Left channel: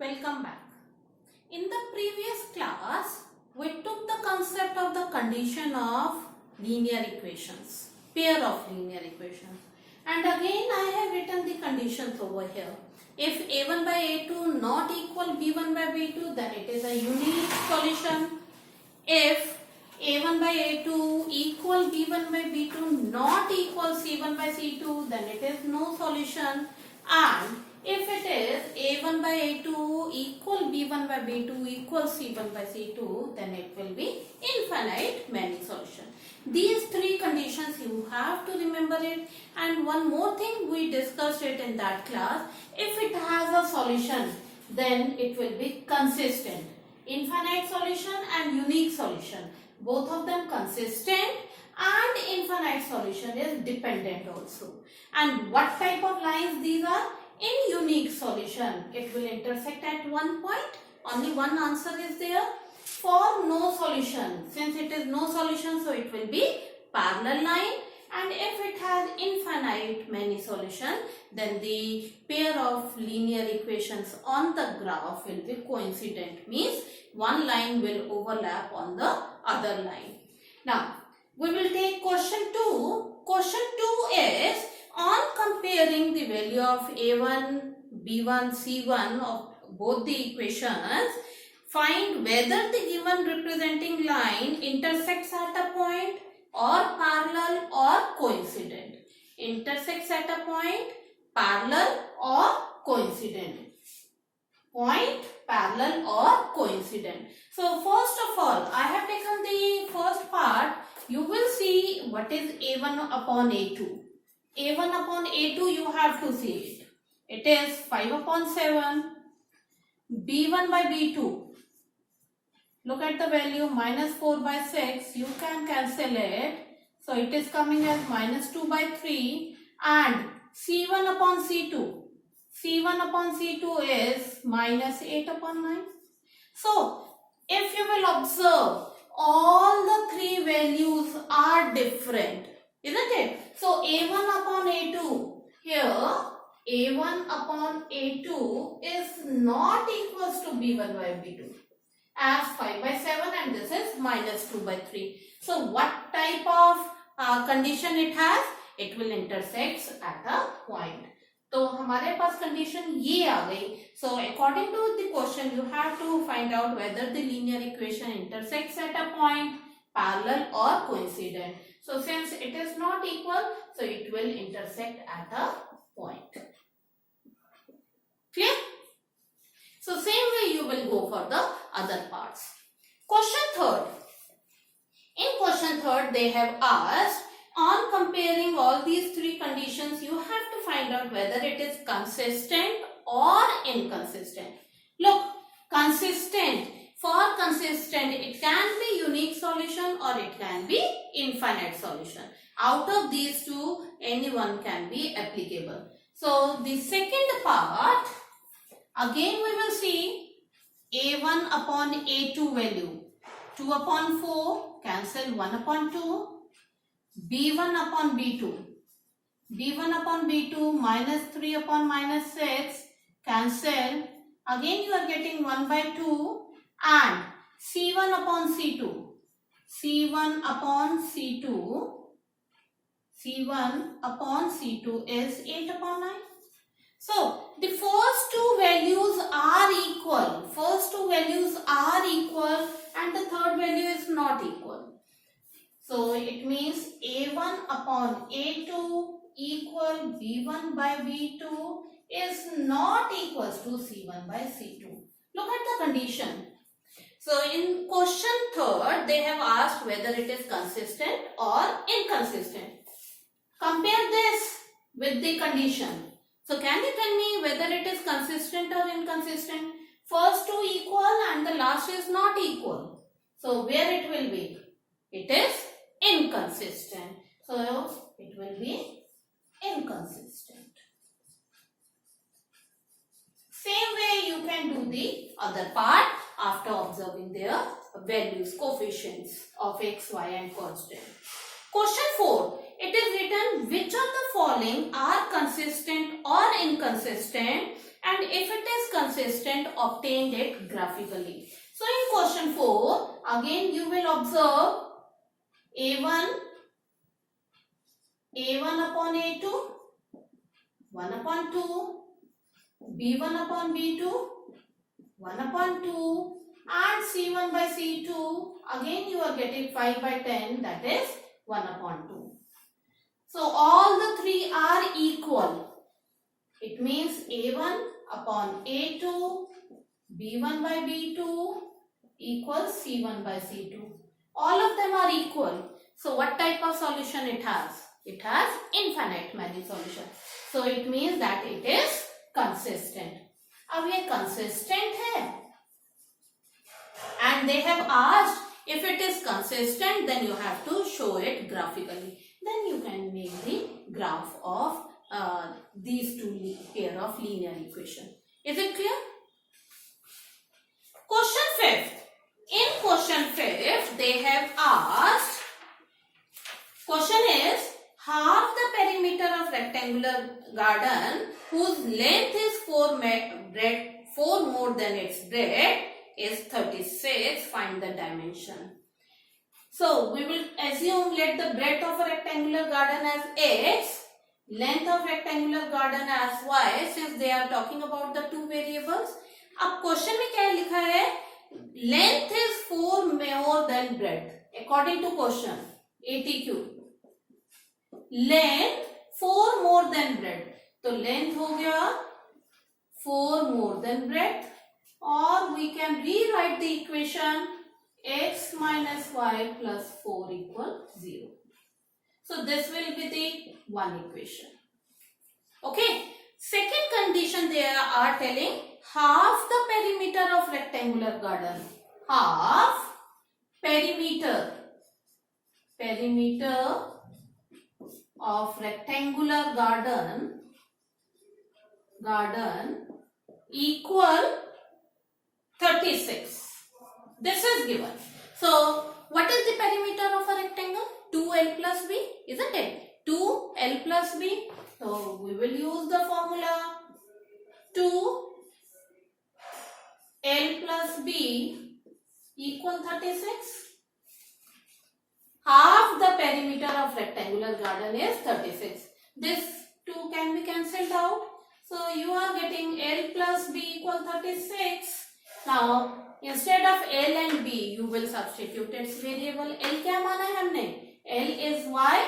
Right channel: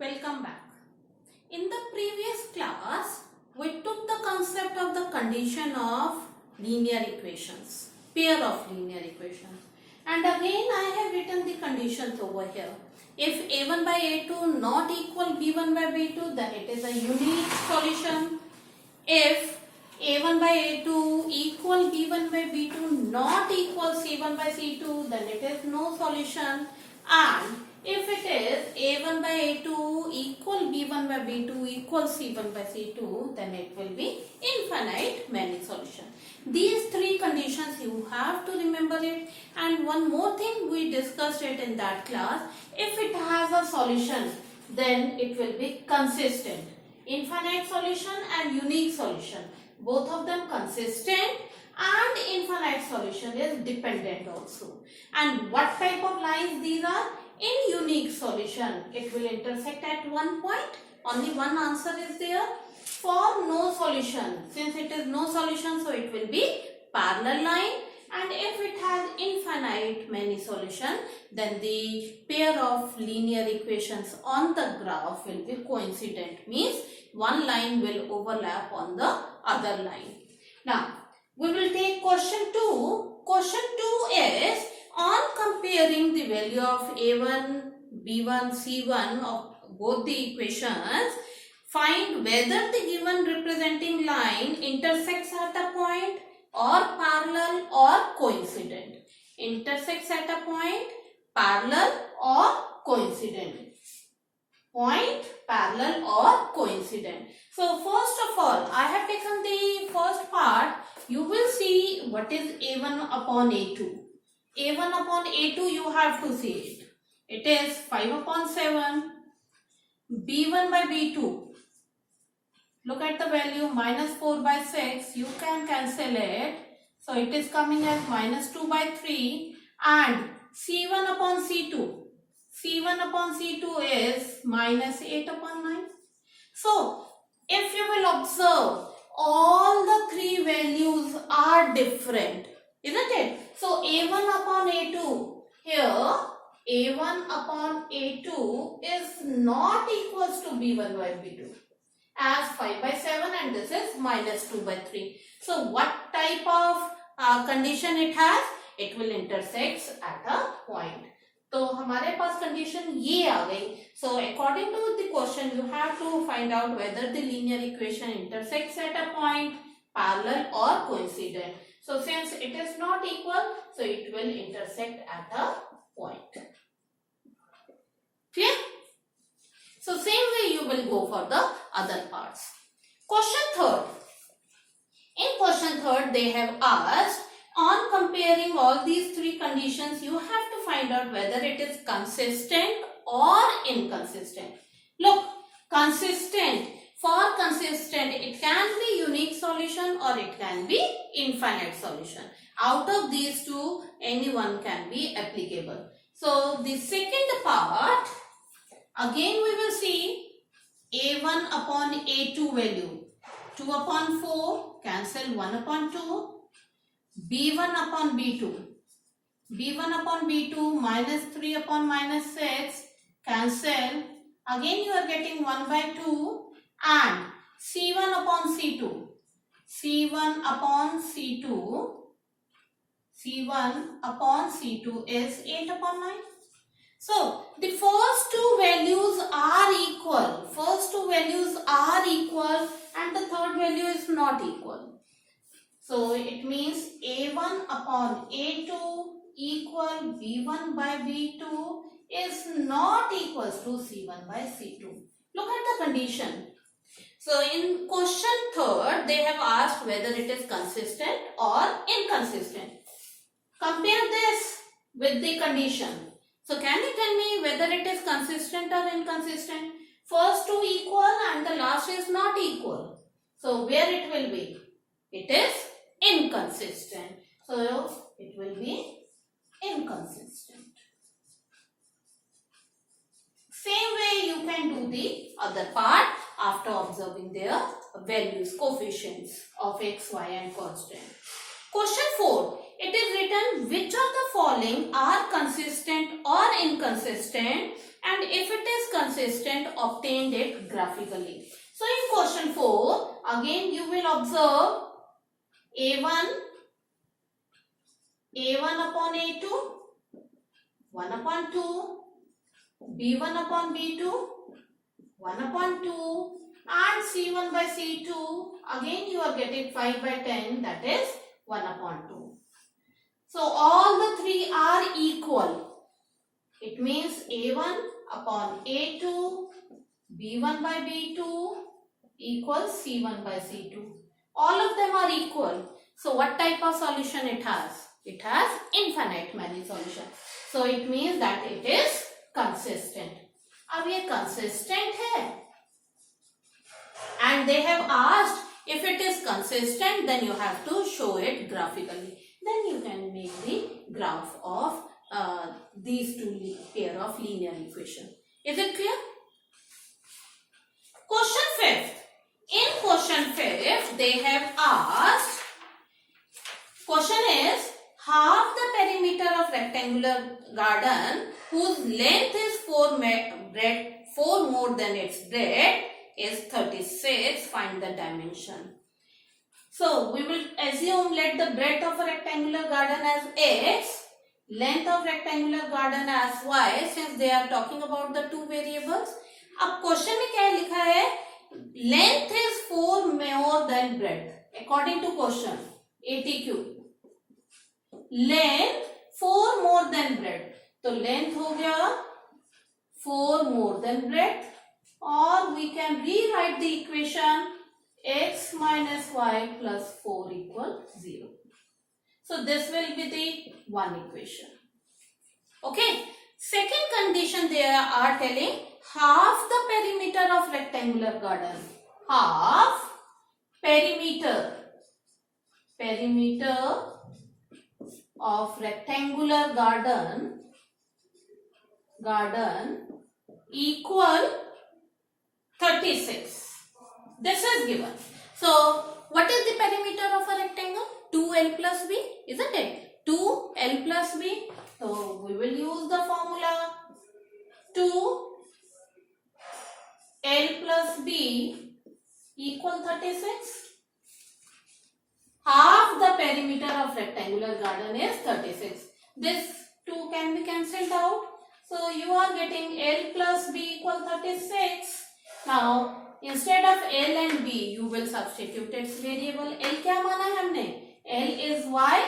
Welcome back. In the previous class, we took the concept of the condition of linear equations, pair of linear equations. And again I have written the conditions over here. If a1 by a2 not equal b1 by b2, then it is a unique solution. If a1 by a2 equal b1 by b2 not equal c1 by c2, then it is no solution. And if it is a1 by a2 equal b1 by b2 equal c1 by c2, then it will be infinite many solution. These three conditions you have to remember it. And one more thing, we discussed it in that class. If it has a solution, then it will be consistent. Infinite solution and unique solution, both of them consistent, and infinite solution is dependent also. And what type of lines these are? In unique solution, it will intersect at one point. Only one answer is there. For no solution, since it is no solution, so it will be parallel line. And if it has infinite many solution, then the pair of linear equations on the graph will be coincident. Means one line will overlap on the other line. Now, we will take question 2. Question 2 is on comparing the value of a1, b1, c1 of both the equations, find whether the given representing line intersects at a point or parallel or coincident. Intersects at a point, parallel or coincident. Point, parallel or coincident. So first of all, I have taken the first part. You will see what is a1 upon a2. a1 upon a2 you have to see it. It is 5 upon 7. b1 by b2. Look at the value minus 4 by 6. You can cancel it. So it is coming as minus 2 by 3. And c1 upon c2. c1 upon c2 is minus 8 upon 9. So if you will observe, all the three values are different, isn't it? So a1 upon a2, here a1 upon a2 is not equals to b1 by b2, as 5 by 7 and this is minus 2 by 3. So what type of condition it has? It will intersect at a point. तो हमारे पास condition ये आ गई. So according to the question, you have to find out whether the linear equation intersects at a point, parallel or coincident. So since it is not equal, so it will intersect at a point. Clear? So same way you will go for the other parts. Question 3. In question 3, they have asked, on comparing all these three conditions, you have to find out whether it is consistent or inconsistent. Look, consistent. For consistent, it can be unique solution or it can be infinite solution. Out of these two, any one can be applicable. So the second part, again we will see a1 upon a2 value. 2 upon 4, cancel 1 upon 2. b1 upon b2. b1 upon b2 minus 3 upon minus 6, cancel. Again you are getting 1 by 2 and c1 upon c2. c1 upon c2. c1 upon c2 is 8 upon 9. So the first two values are equal. First two values are equal and the third value is not equal. So it means a1 upon a2 equal b1 by b2 is not equals to c1 by c2. Look at the condition. So in question 3, they have asked whether it is consistent or inconsistent. Compare this with the condition. So can you tell me whether it is consistent or inconsistent? First two equal and the last is not equal. So where it will be? It is inconsistent. So it will be inconsistent. Same way you can do the other part after observing their values, coefficients of x, y and constant. Question 4. It is written which of the following are consistent or inconsistent and if it is consistent, obtain it graphically. So in question 4, again you will observe A1 upon A2, 1 upon 2, B1 upon B2, 1 upon 2, and C1 by C2, again you are getting 5 by 10, that is 1 upon 2. So all the three are equal. It means A1 upon A2, B1 by B2 equals C1 by C2. All of them are equal. So what type of solution it has? It has infinite many solutions. So it means that it is consistent. अब ये consistent है and they have asked if it is consistent, then you have to show it graphically. Then you can make the graph of these two pair of linear equation. Is it clear? Question 5th. In question 5th, they have asked, question is, half the perimeter of rectangular garden whose length is 4 more than its breadth is 36. Find the dimension. So we will assume, let the breadth of a rectangular garden as x, length of rectangular garden as y, since they are talking about the two variables. अब question में क्या लिखा है? Length is 4 more than breadth. According to question ATQ, length 4 more than breadth. तो length हो गया 4 more than breadth, or we can rewrite the equation x minus y plus 4 equal 0. So this will be the one equation. Okay. Second condition, they are telling half the perimeter of rectangular garden. Half perimeter of rectangular garden equal 36. This is given. So what is the perimeter of a rectangle? 2l plus b, isn't it? 2l plus b. So we will use the formula 2l plus b equal 36. Half the perimeter of rectangular garden is 36. This 2 can be cancelled out. So you are getting L plus B equal 36. Now instead of L and B, you will substitute its variable. L क्या माना है हमने? L is y.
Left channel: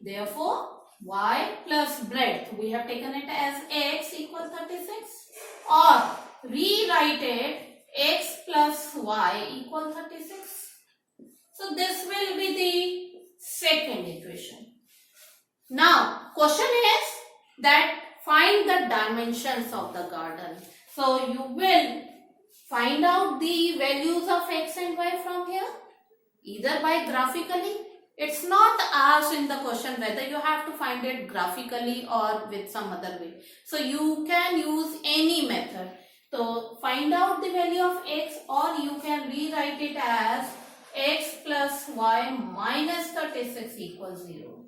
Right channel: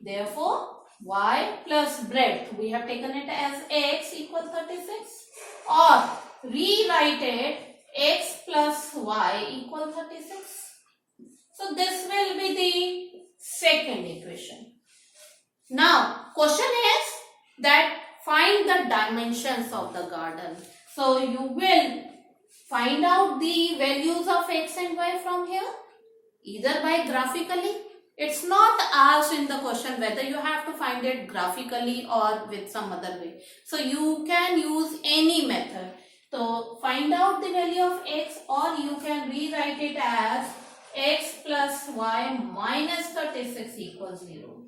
Therefore y plus breadth, we have taken it as x equal 36. Or rewrite it x plus y equal 36. So this will be the second equation. Now question is that find the dimensions of the garden. So you will find out the values of x and y from here, either by graphically. It's not asked in the question whether you have to find it graphically or with some other way. So you can use any method. So find out the value of x, or you can rewrite it as x plus y minus 36 equals 0.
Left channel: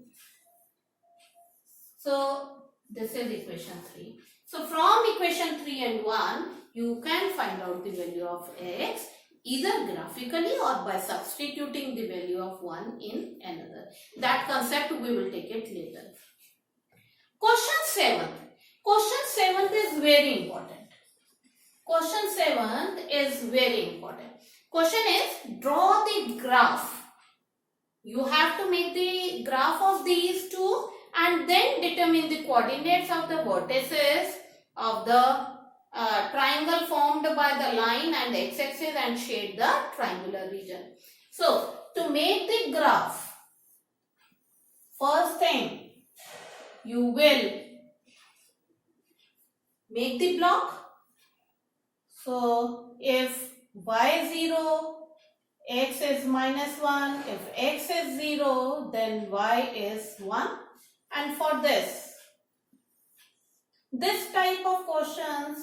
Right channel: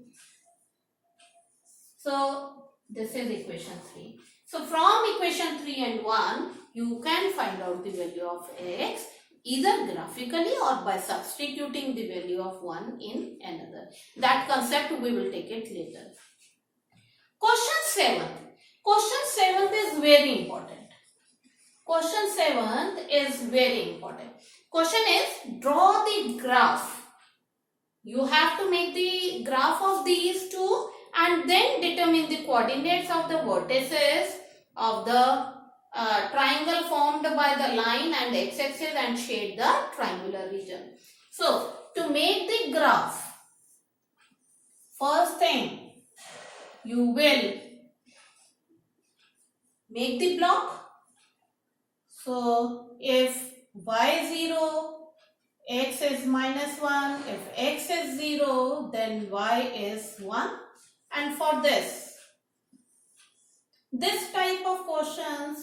So this is equation 3. So from equation 3 and 1, you can find out the value of x either graphically or by substituting the value of one in another. That concept we will take it later. Question 7th. Question 7th is very important. Question 7th is very important. Question is, draw the graph. You have to make the graph of these two and then determine the coordinates of the vertices of the triangle formed by the line and x-axis and shade the triangular region. So to make the graph, first thing you will make the block. So if y is 0, x is minus 1. If x is 0, then y is 1. And for this type of questions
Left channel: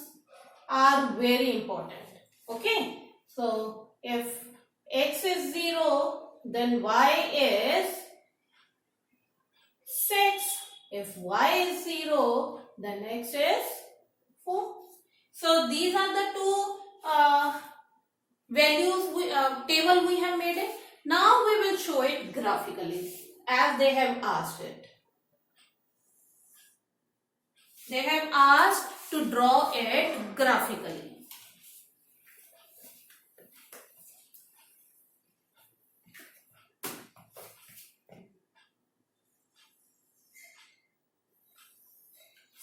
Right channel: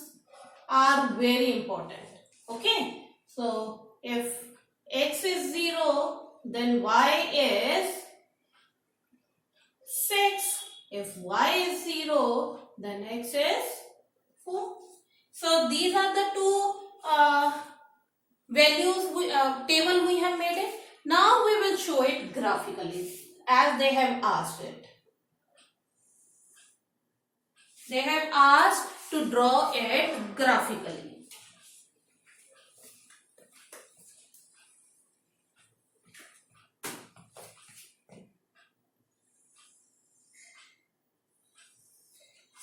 are very important. Okay. So if x is 0, then y is 6. If y is 0, then x is 4. So these are the two table we have made it. Now we will show it graphically as they have asked it. They have asked to draw it graphically.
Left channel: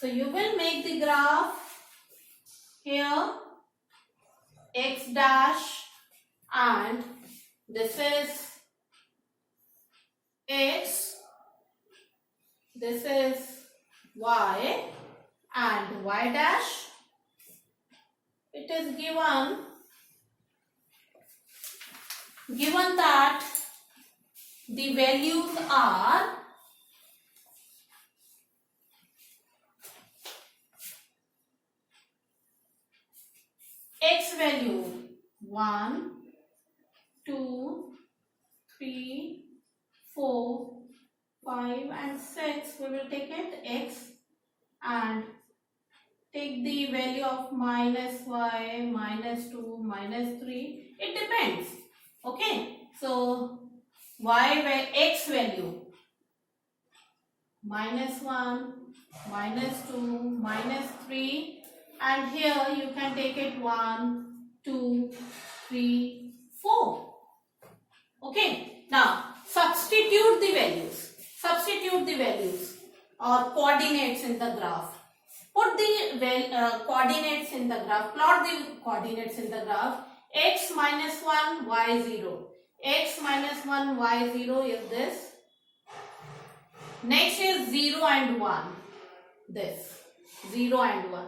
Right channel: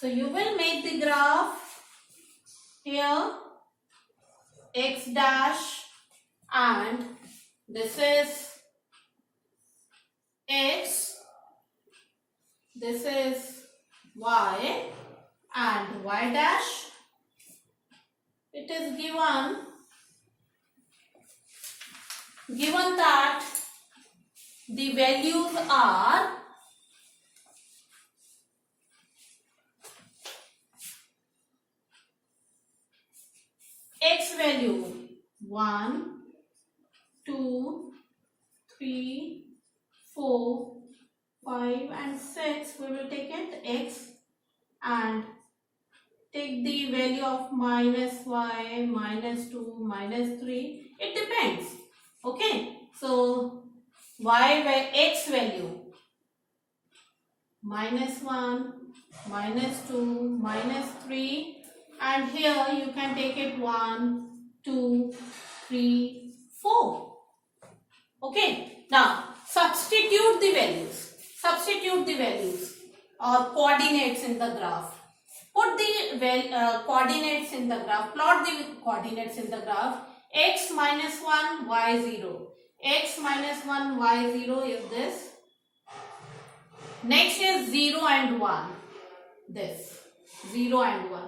So you will make the graph here, x dash, and this is x, this is y, and y dash. It is given that the values are x value 1, 2, 3, 4, 5 and 6. We will take it x and take the value of minus y, minus 2, minus 3. It depends. Okay. So x value minus 1, minus 2, minus 3. And here you can take it 1, 2, 3, 4. Okay. Now substitute the values. Substitute the values or coordinates in the graph. Put the coordinates in the graph. Plot the coordinates in the graph. X minus 1, y 0. X minus 1, y 0 is this. Next is 0 and 1. This. 0 and 1.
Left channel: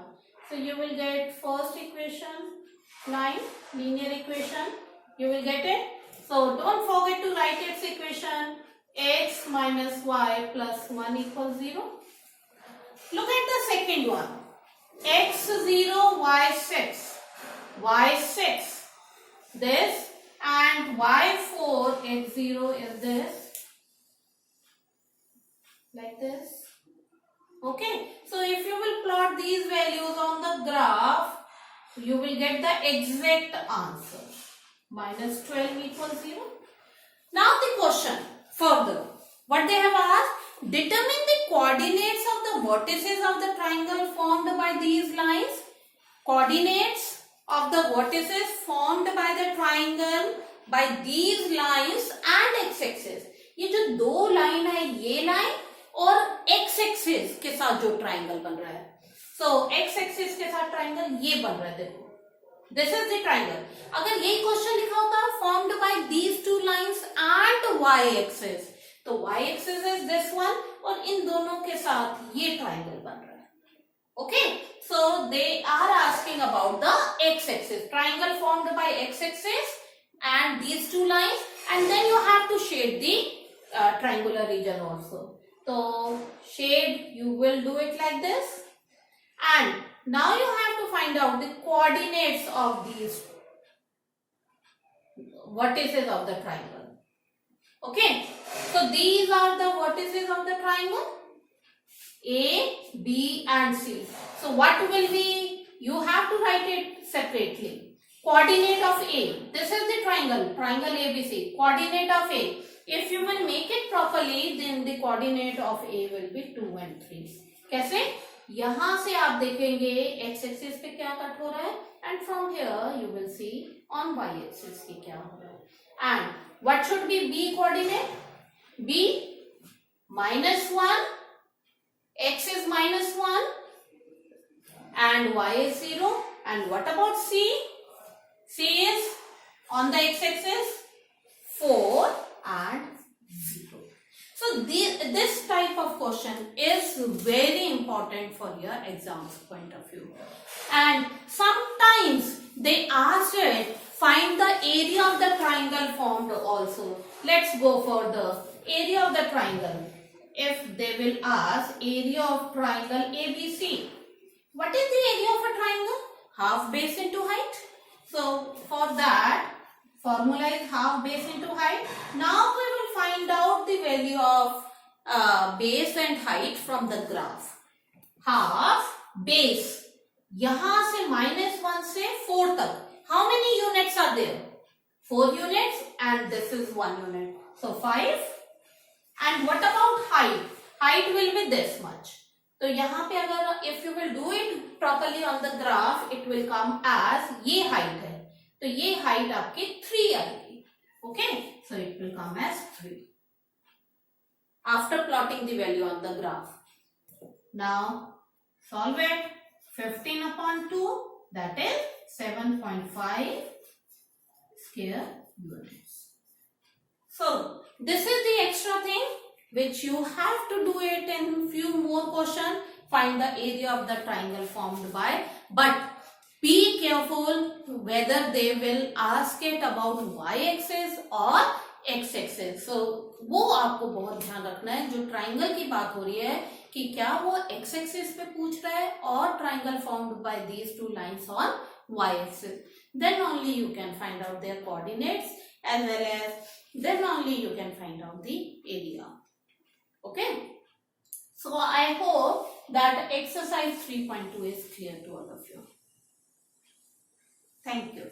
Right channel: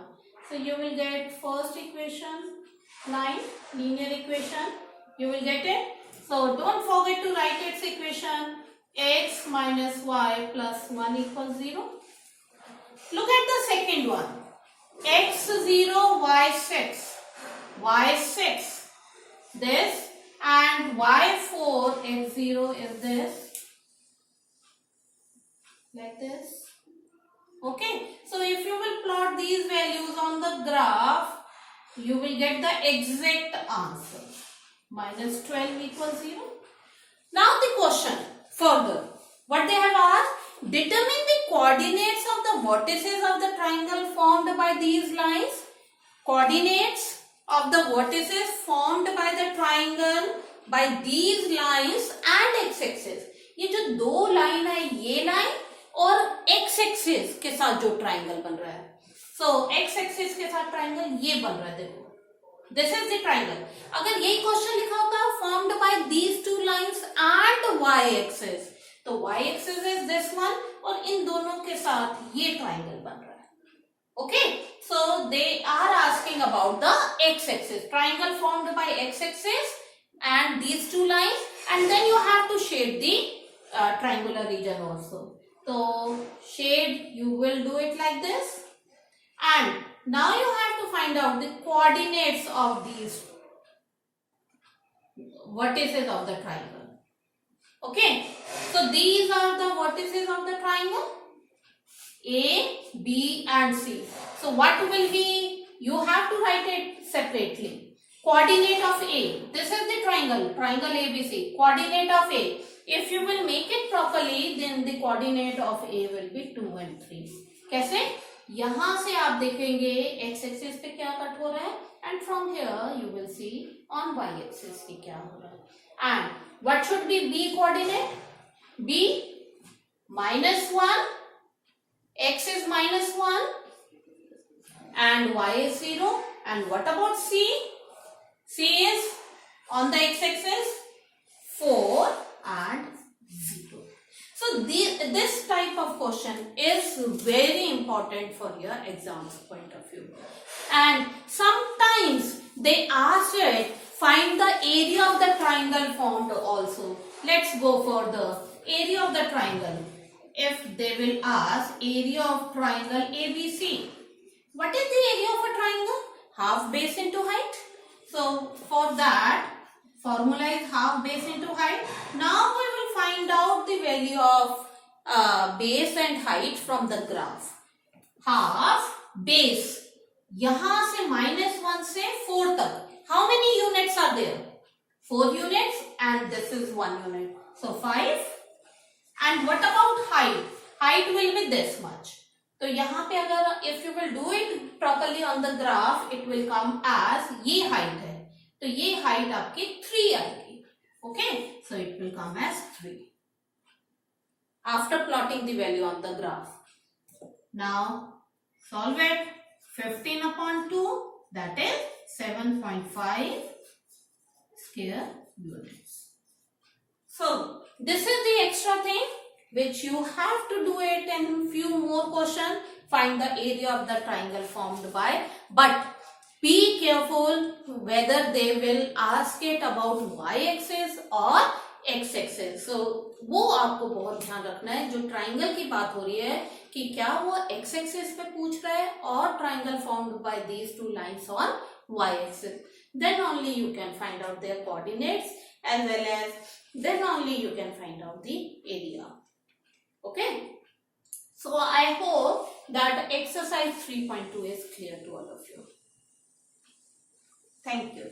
So you will get first equation, line, linear equation. You will get it. So don't forget to write its equation. X minus y plus 1 equals 0. Look at the second one. X 0, y 6. Y 6. This. And y 4, x 0 is this. Like this. Okay. So if you will plot these values on the graph, you will get the exact answer. Minus 12 equals 0. Now the question further. What they have asked? Determine the coordinates of the vertices of the triangle formed by these lines. Coordinates of the vertices formed by the triangle by these lines and x-axis. ये जो दो line है, ये line और x-axis के साथ जो triangle बन रहा है. So x-axis के साथ ट्राइंगल ये बन रहा है. देखो, this is the triangle. अगर यही क्वेश्चन लिखा होता formed by these two lines and y-axis, तो y-axis is this one और इन दोनों के साथ ये ट्राइंगल बन रहा है. Okay, so they are asking about the x-axis, triangle formed by x-axis and these two lines, and then you have to shade the triangular region also. So shade, you will do it like this, and now you have to find out the coordinates of these vertices of the triangle. Okay, so these are the vertices of the triangle A, B and C. So what will be, you have to write it separately. Coordinate of A, this is the triangle, triangle ABC. Coordinate of A, if you will make it properly, then the coordinate of A will be 2 and 3. कैसे? यहाँ से आप देखेंगे x axis पे क्या cut हो रहा है, and from here you will see on y axis की क्या हो रहा है. And what should be B coordinate? B -1, x is -1 and y is 0. And what about C? C is on the x-axis 4 and 0. So this type of question is very important for your exam's point of view. And sometimes they ask it, find the area of the triangle formed also. Let's go for the area of the triangle. If they will ask area of triangle ABC, what is the area of a triangle? Half base into height. So for that, formula is half base into height. Now we will find out the value of base and height from the graph. Half base. यहां से -1 से 4 तक how many units are there? 4 units and this is 1 unit. So 5. And what about height? Height will be this much. तो यहाँ पे अगर if you will do it properly on the graph, it will come as ये height है. तो ये height आपकी 3 आएगी. Okay? So it will come as 3. After plotting the value on the graph. Now solve it. 15 upon 2, that is 7.5 square units. So this is the extra thing which you have to do it in few more questions. Find the area of the triangle formed by, but be careful whether they will ask it about y-axis or x-axis. So वो आपको बहुत ध्यान रखना है. जो triangle की बात हो रही है कि क्या वो x-axis पे पूछ रहा है और triangle formed by these two lines on y-axis. Then only you can find out their coordinates, as well as then only you can find out the area. Okay. So I hope that exercise 3.2 is clear to all of you. Thank you.